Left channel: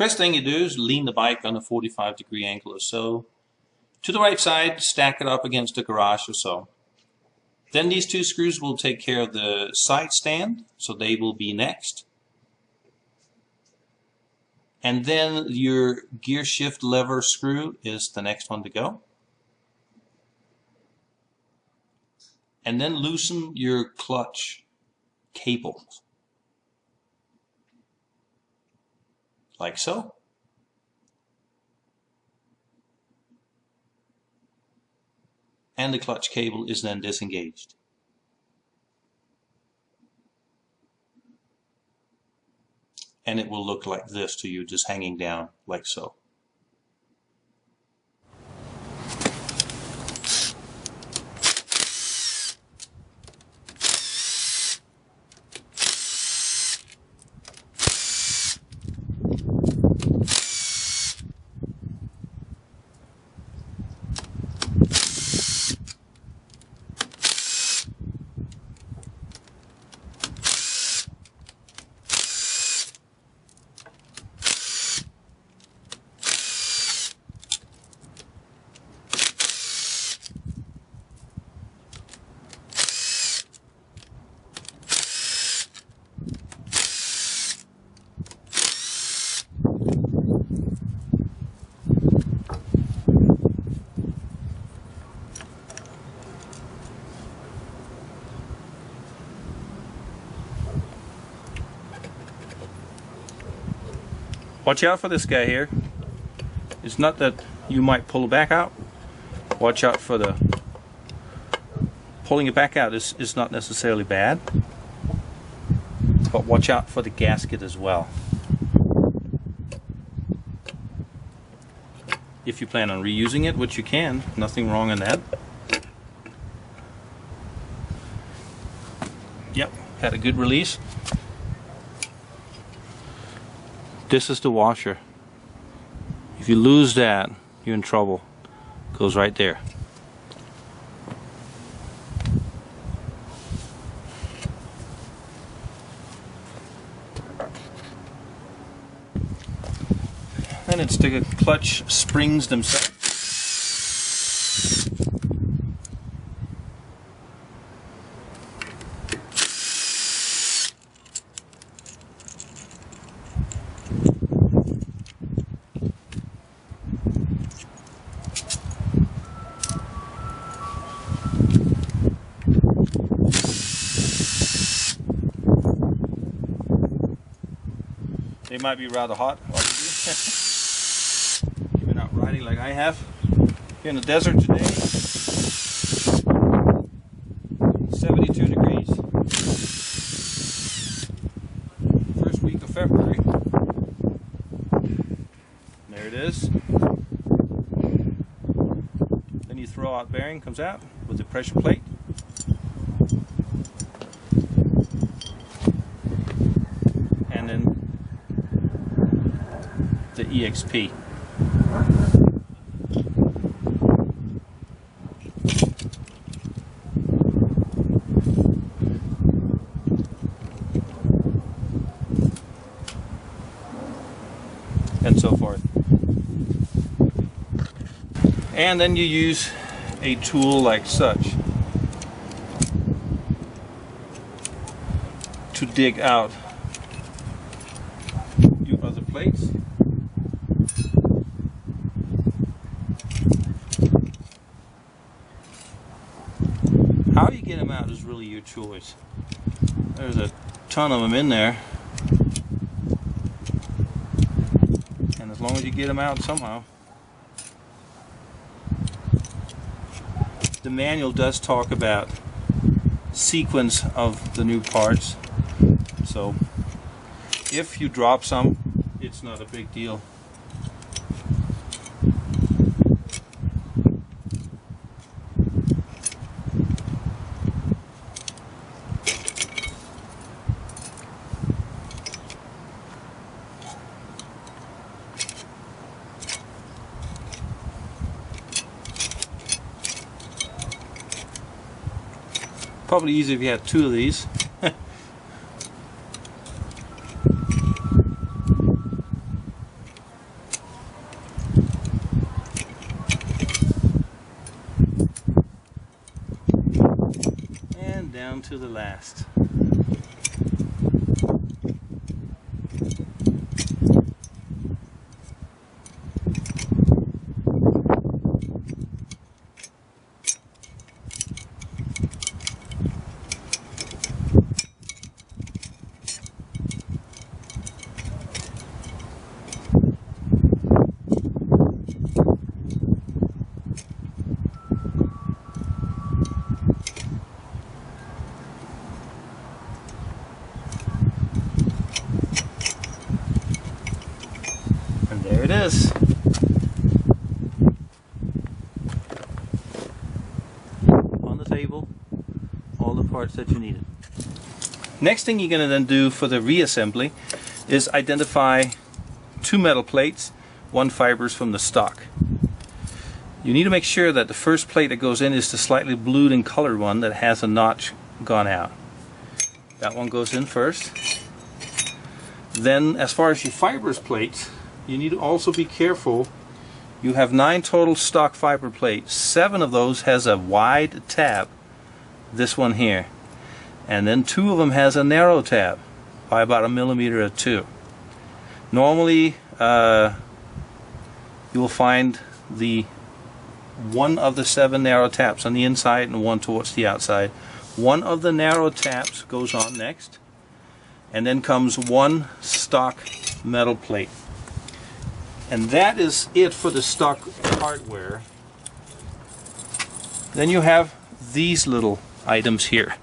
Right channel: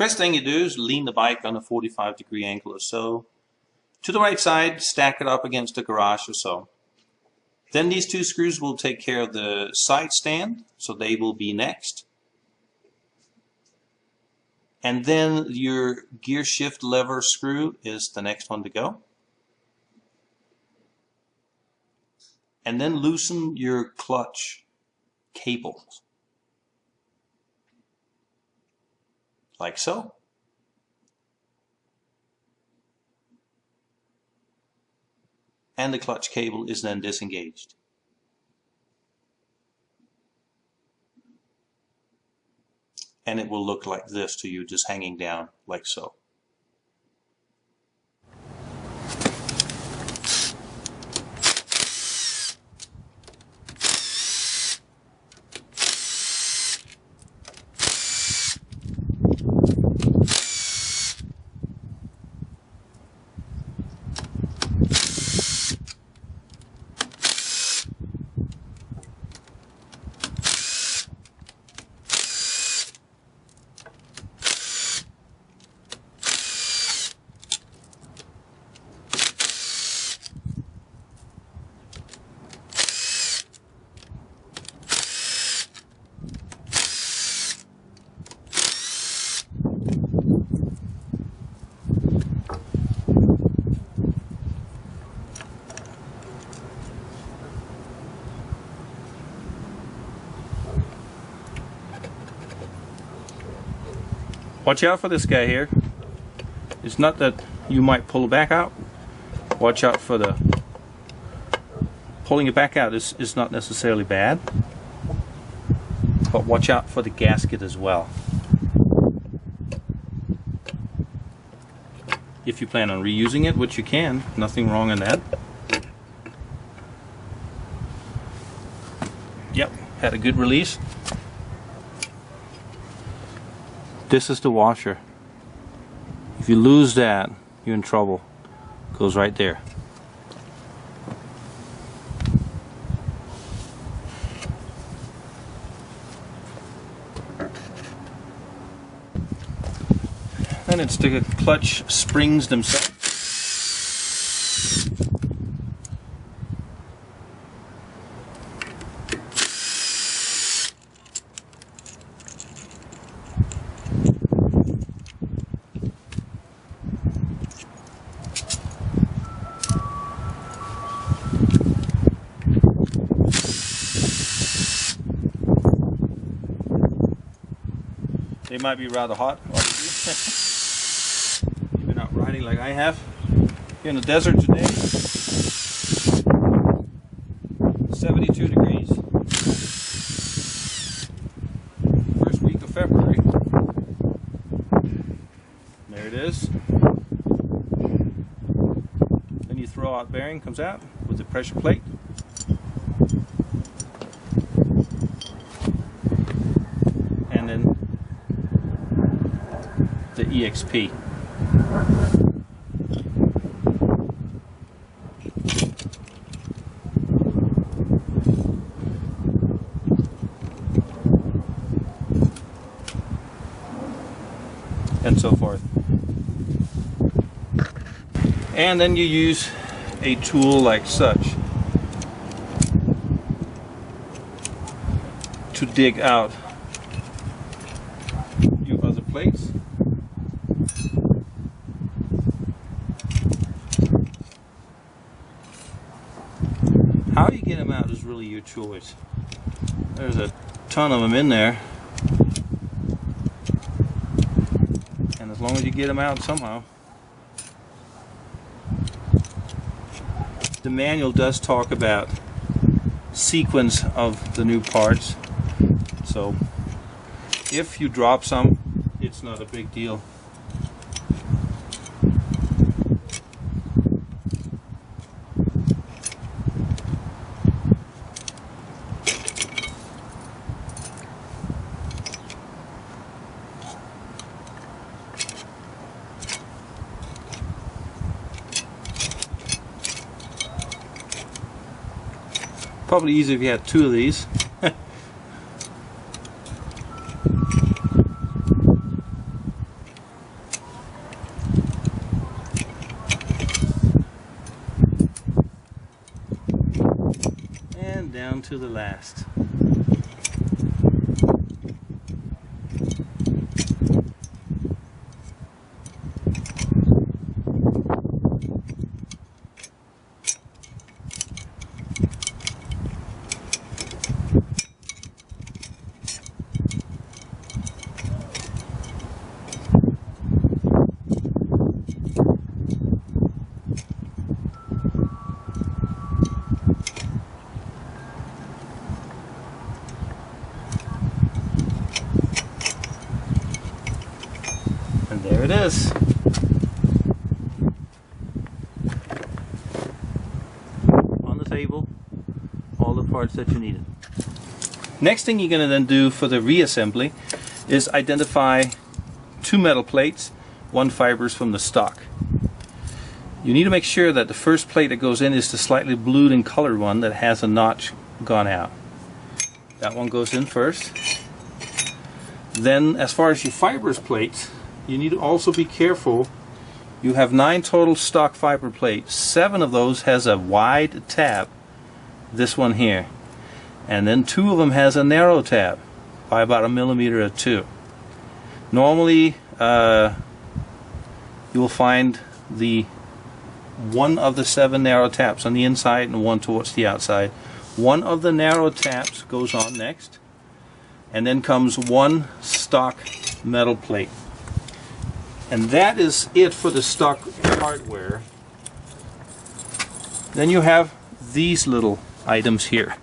First thing you do is lean the bike on a 45-degree angle or so. To the right side, stack it up against the garage or so. Then these two screws will take care of the side stand, so they will be next. And then your gear shift lever screw is the next one to go. And then loosen your clutch cable. Like so. And the clutch cable is then disengaged. And it will look like this to you, just hanging down like so. Watch out for this guy here. It's not that you might pull it back out. Watch out for the pulling it back out is not necessarily bad, but watch out for the gasket as well. If you plan on reusing it, which you can, nothing wrong in that. Yep, had a good release. This is the washer. If you lose that, you're in trouble. It goes right there. Then it's the clutch springs themselves. They might be rather hot, if you're not riding like I have. Here in the desert today, 72 degrees. First week of February. There it is. Then you throw out bearing, comes out with the pressure plate. And then the EXP. And so forth. And then you use a tool like such to dig out your other plates. How you get them out is really your choice. There's a ton of them in there, and as long as you get them out somehow. The manual does talk about sequence of the new parts, so if you drop some, it's not a big deal. Probably easier if you had two of these. down to the last. And there it is. On the table, all the parts that you needed. Next thing you're going to then do for the reassembly is identify two metal plates, one fibers from the stock. You need to make sure that the first plate that goes in is the slightly blued and colored one that has a notch gone out. That one goes in first. Then as far as your fibers plates, you need to also be careful. You have 9 total stock fiber plates. 7 of those has a wide tab, this one here, and then 2 of them has a narrow tab by about 1 millimeter or 2. Normally you will find the one of the 7 narrow tabs on the inside and one towards the outside. One of the narrow tabs goes on next, and then comes one stock metal plate. And that is it for the stock hardware. Then you have these little items here.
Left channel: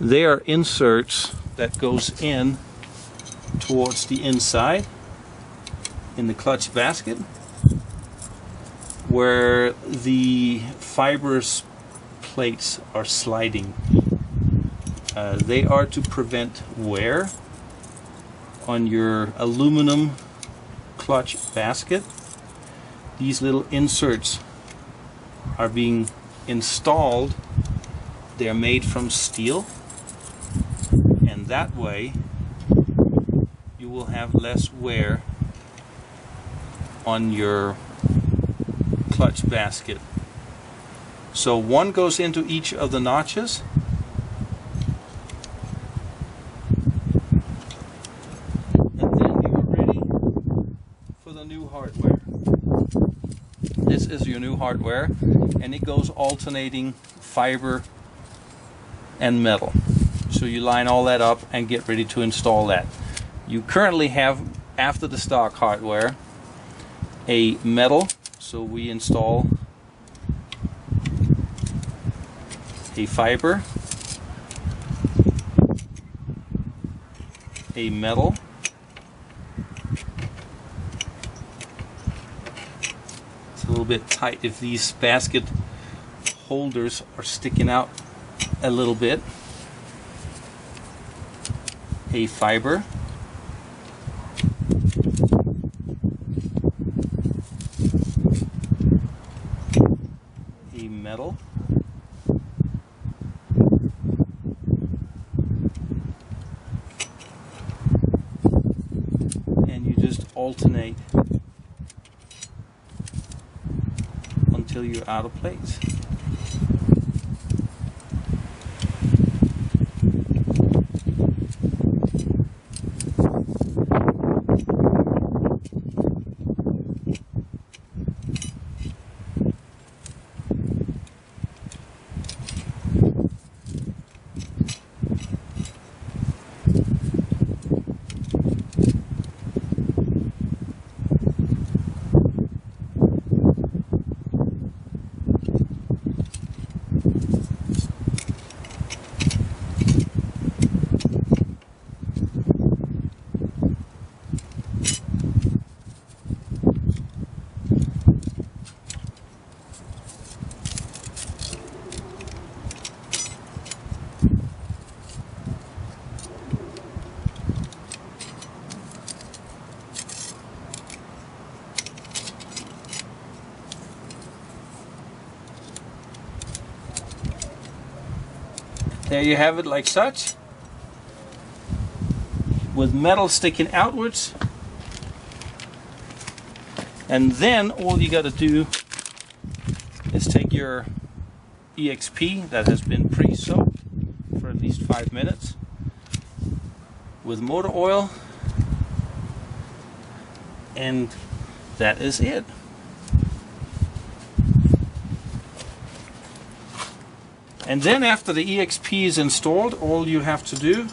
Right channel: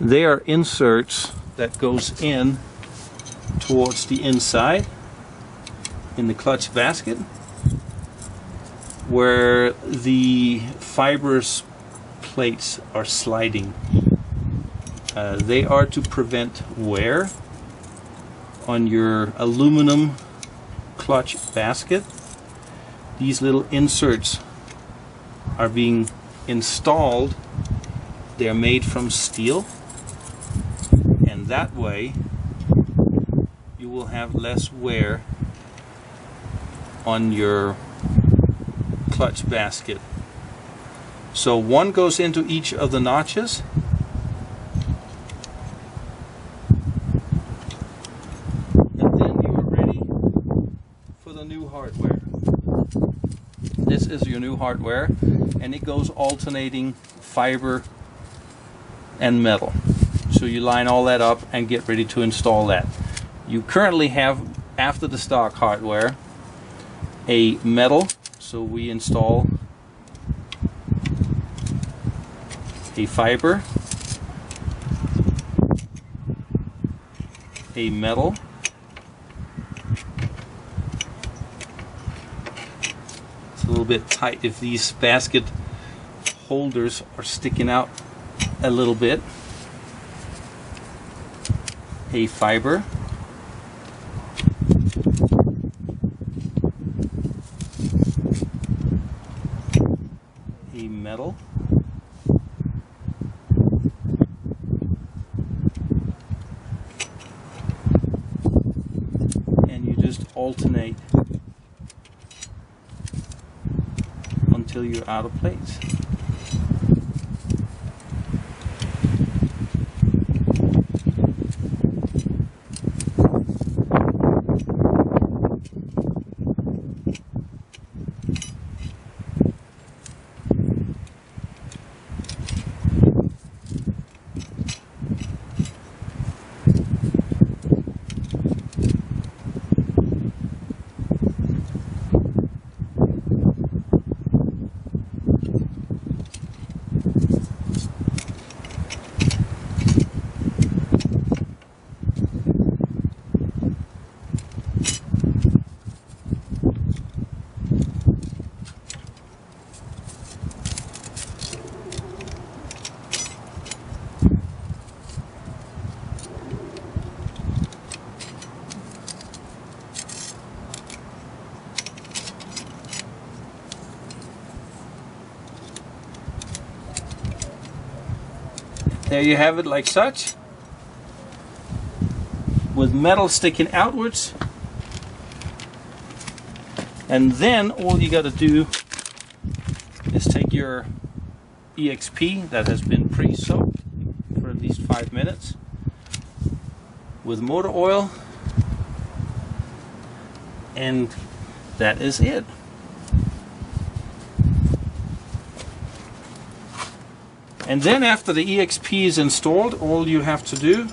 They are inserts that goes in towards the inside in the clutch basket, where the fibrous plates are sliding. They are to prevent wear on your aluminum clutch basket. These little inserts are being installed. They're made from steel, and that way you will have less wear on your clutch basket. So one goes into each of the notches, and then you are ready for the new hardware. This is your new hardware, and it goes alternating fiber and metal. So you line all that up and get ready to install that. You currently have, after the stock hardware, a metal, so we install a fiber, a metal, it's a little bit tight if these basket holders are sticking out a little bit, a fiber, a metal, and you just alternate until you're out of plates. There you have it, like such, with metal sticking outwards. And then all you got to do is take your EXP that has been pre-soaked, least 5 minutes with motor oil, and that is it. And then after the EXP is installed, all you have to do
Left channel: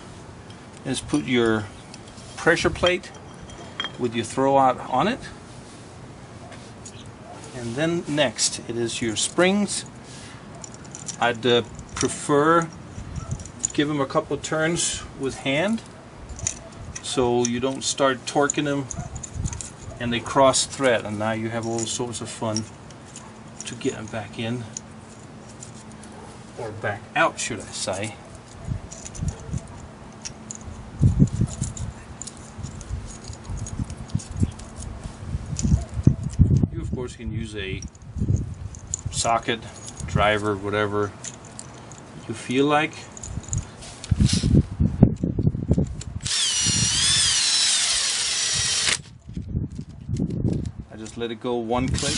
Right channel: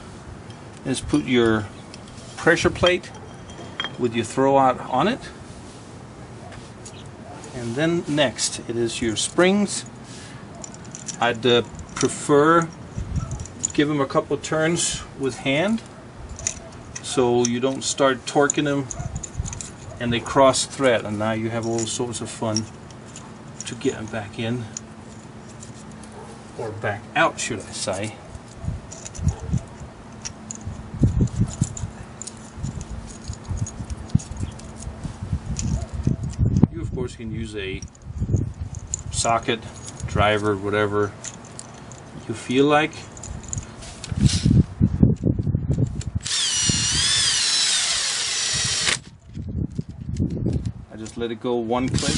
is put your pressure plate with your throwout on it. And then next it is your springs. I'd prefer give them a couple of turns with hand so you don't start torquing them and they cross thread, and now you have all sorts of fun to get them back in, or back out should I say. You of course can use a socket, driver, whatever you feel like. I just let it go one click.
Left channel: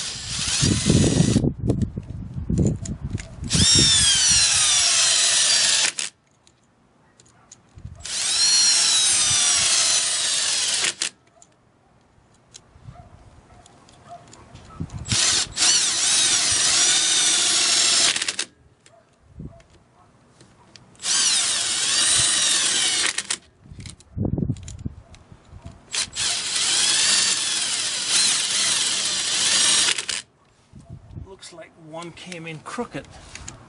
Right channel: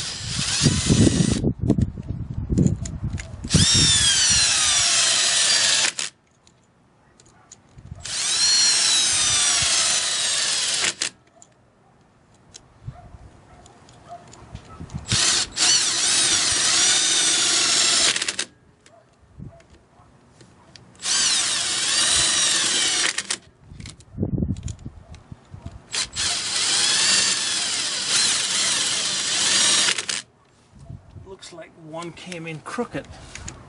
Looks like one came in crooked.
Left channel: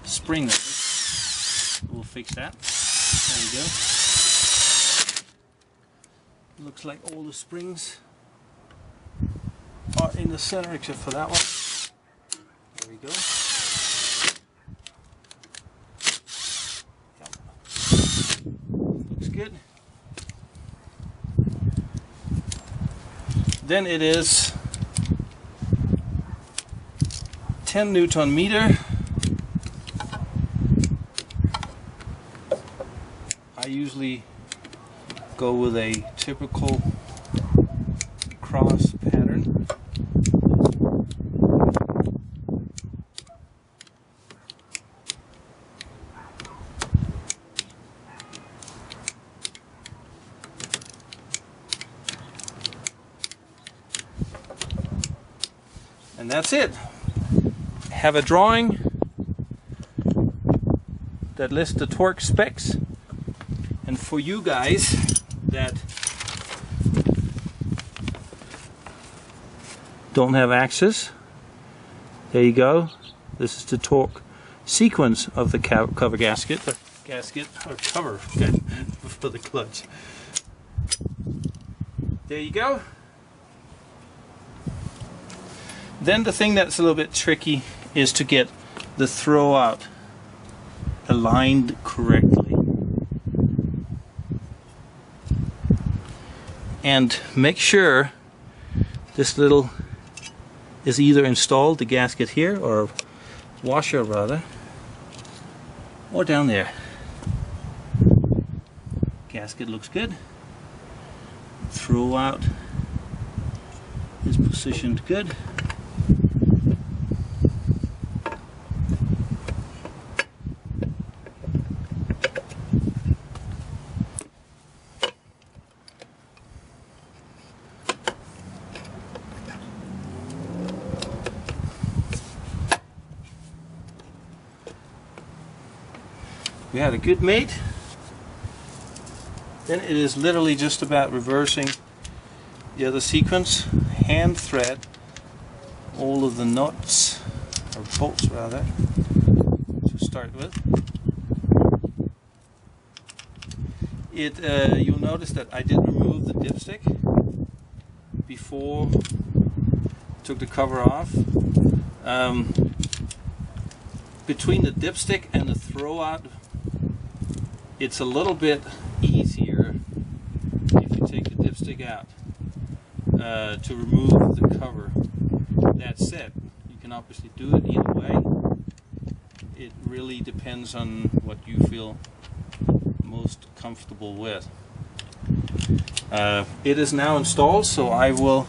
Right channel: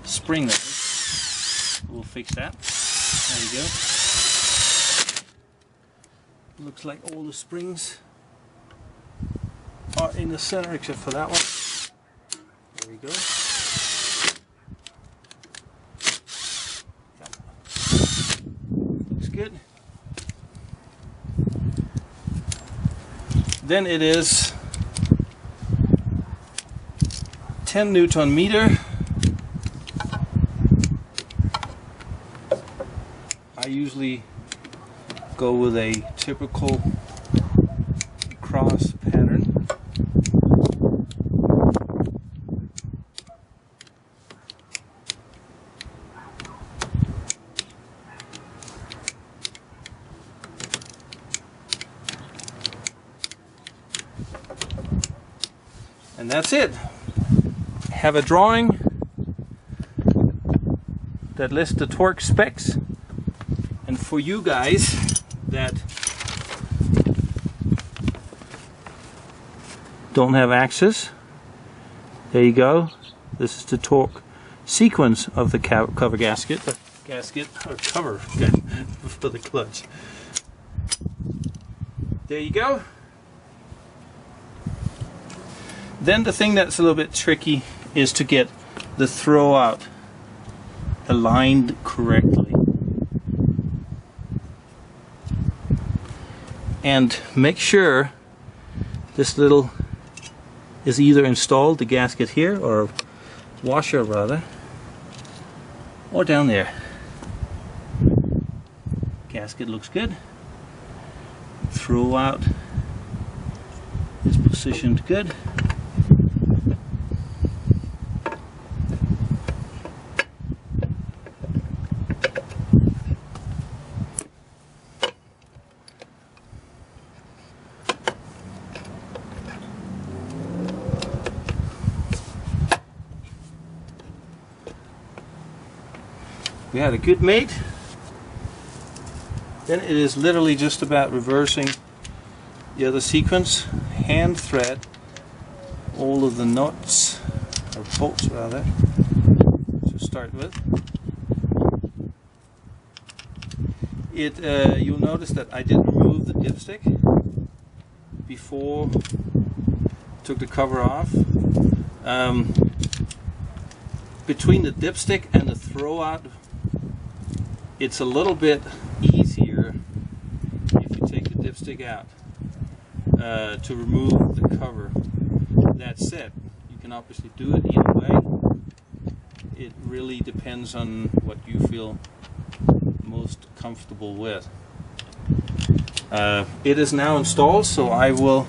Spring that is. We'll fix that. There you go. Looks like all the springs are in the center except for that one. There we go. Yep. Looks good. Then it is 10 Newton meter. I usually go with a typical cross pattern. And that's it. Have a drawing that lists the torque specs, and for you guys that don't have access, there you go. This is the torque sequence of the cover gasket, or cover for the clutch. There you go. Then the thing that's a little bit tricky is to get the throwout aligned correctly. And make sure this little is either installed, the gasket here, or washer rather, or down there. Gasket looks good. Throwout is positioned good. We had a good mate. Then it is literally just about reversing the other sequence. Hand thread all of the nuts, or bolts rather, to start with. You'll notice that I did remove the dipstick before I took the cover off. Between the dipstick and the throwout, it's a little bit easier if you take the dipstick out to remove the cover. That said, you can obviously do it either way. It really depends on what you feel most comfortable with. It is now installed, so I will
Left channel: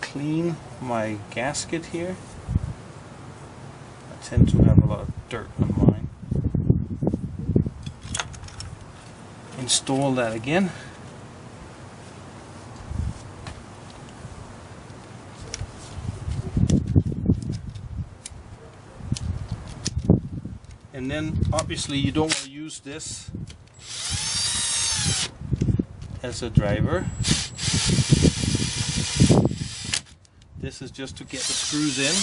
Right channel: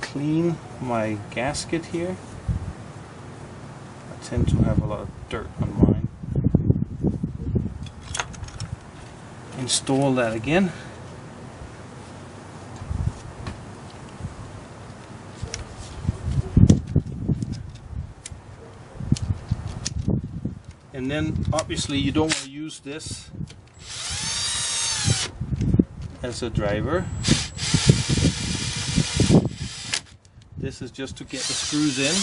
clean my gasket here. tend to have a lot of dirt on mine. Install that again. And then obviously you don't want to use this as a driver. This is just to get the screws in.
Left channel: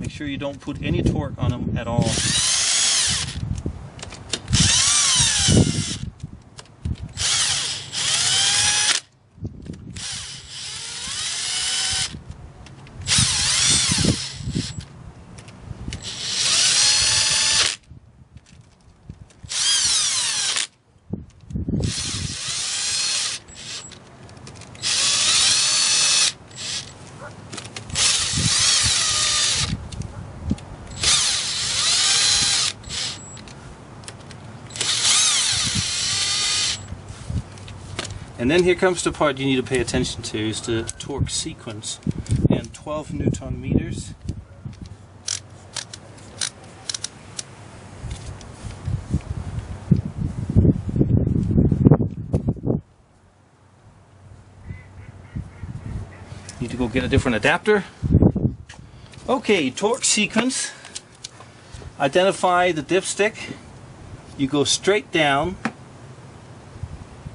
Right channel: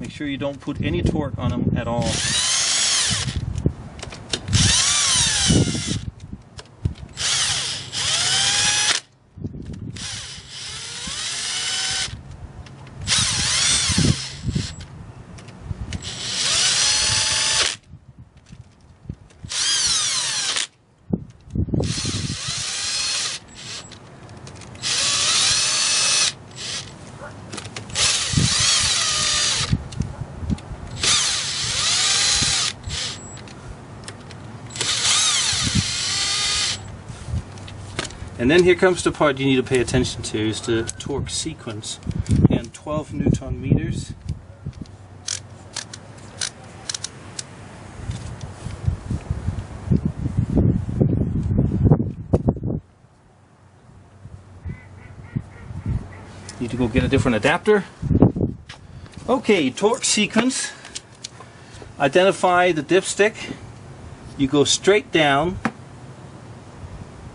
Make sure you don't put any torque on them at all. And then here comes the part you need to pay attention to, is the torque sequence. And 12 Newton meters. Need to go get a different adapter. Okay, torque sequence. Identify the dipstick. You go straight down.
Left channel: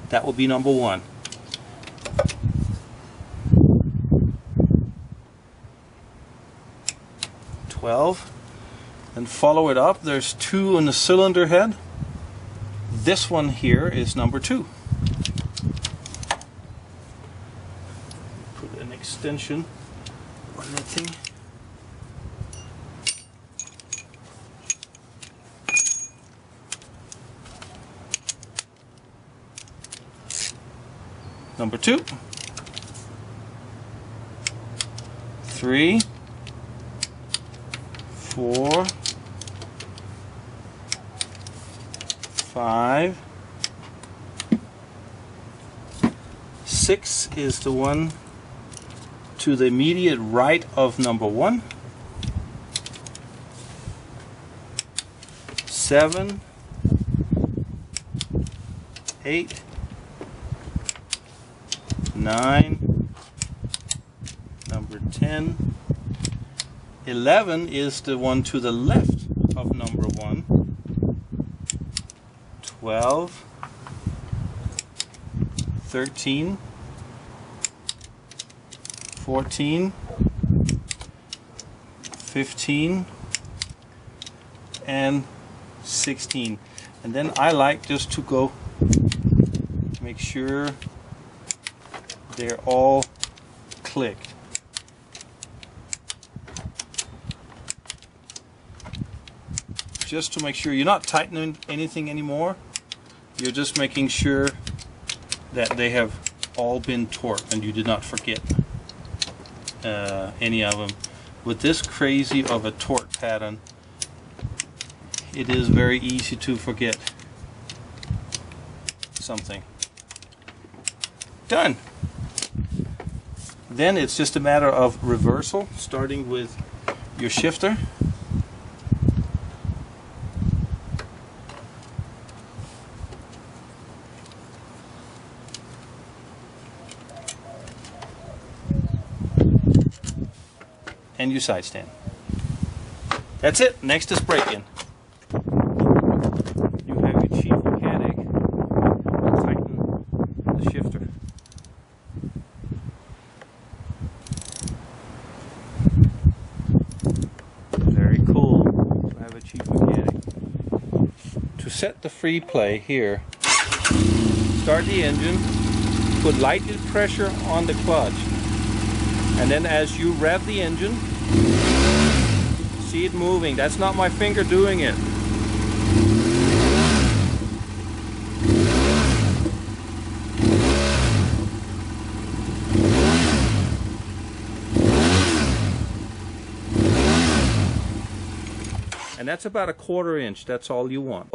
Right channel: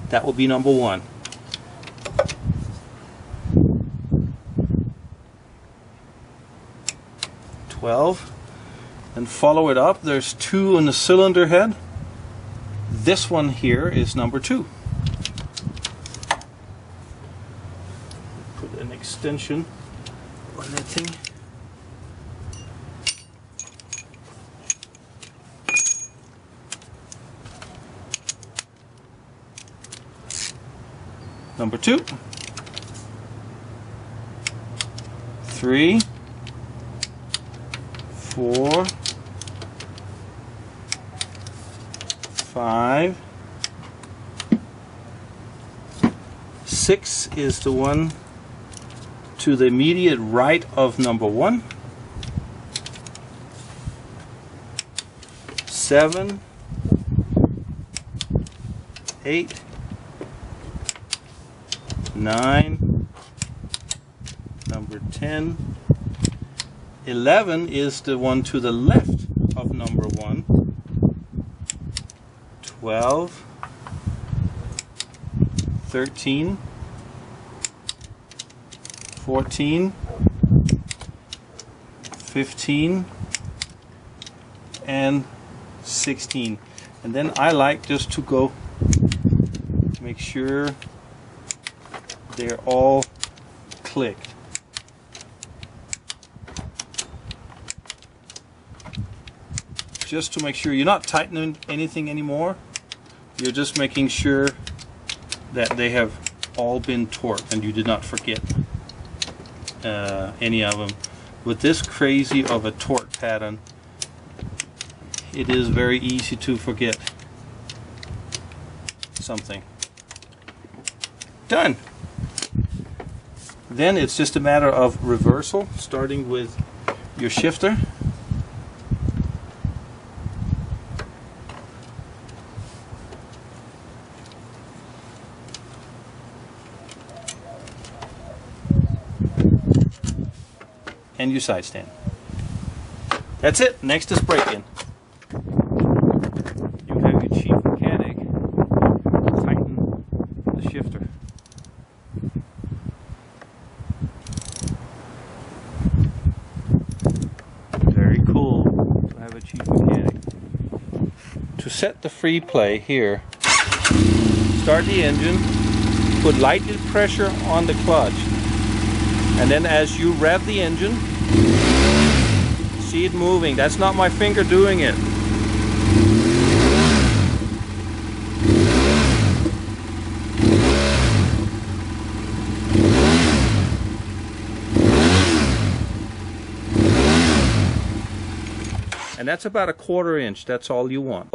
That will be number 1. And follow it up. There's 2 on the cylinder head. This one here is number 2. Put an extension on that thing. Number 2, 3, 4, 5, 6 is the one to the immediate right of number 1. 7, 8, 9, number 10, 11 is the one to the left of number 1, 12, 13, 14, 15, and 16. And then I like just to go make sure they're all clicked. Just to make sure you're not tightening anything anymore. You're just making sure that they have all been torqued and you did not forget any of them. With this crazy of a torque pattern, it is very easy to forget something. Done. Then it's just a matter of reversal, starting with your shifter. And your side stand. That's it. Next is break-in. You have your chief mechanic tighten the shifter. Very cool to have a chief mechanic. To set the free play here, start the engine, put light pressure on the clutch, and then as you rev the engine, see it moving. That's not my finger doing it. And that's about a 1/4 inch. That's all you want.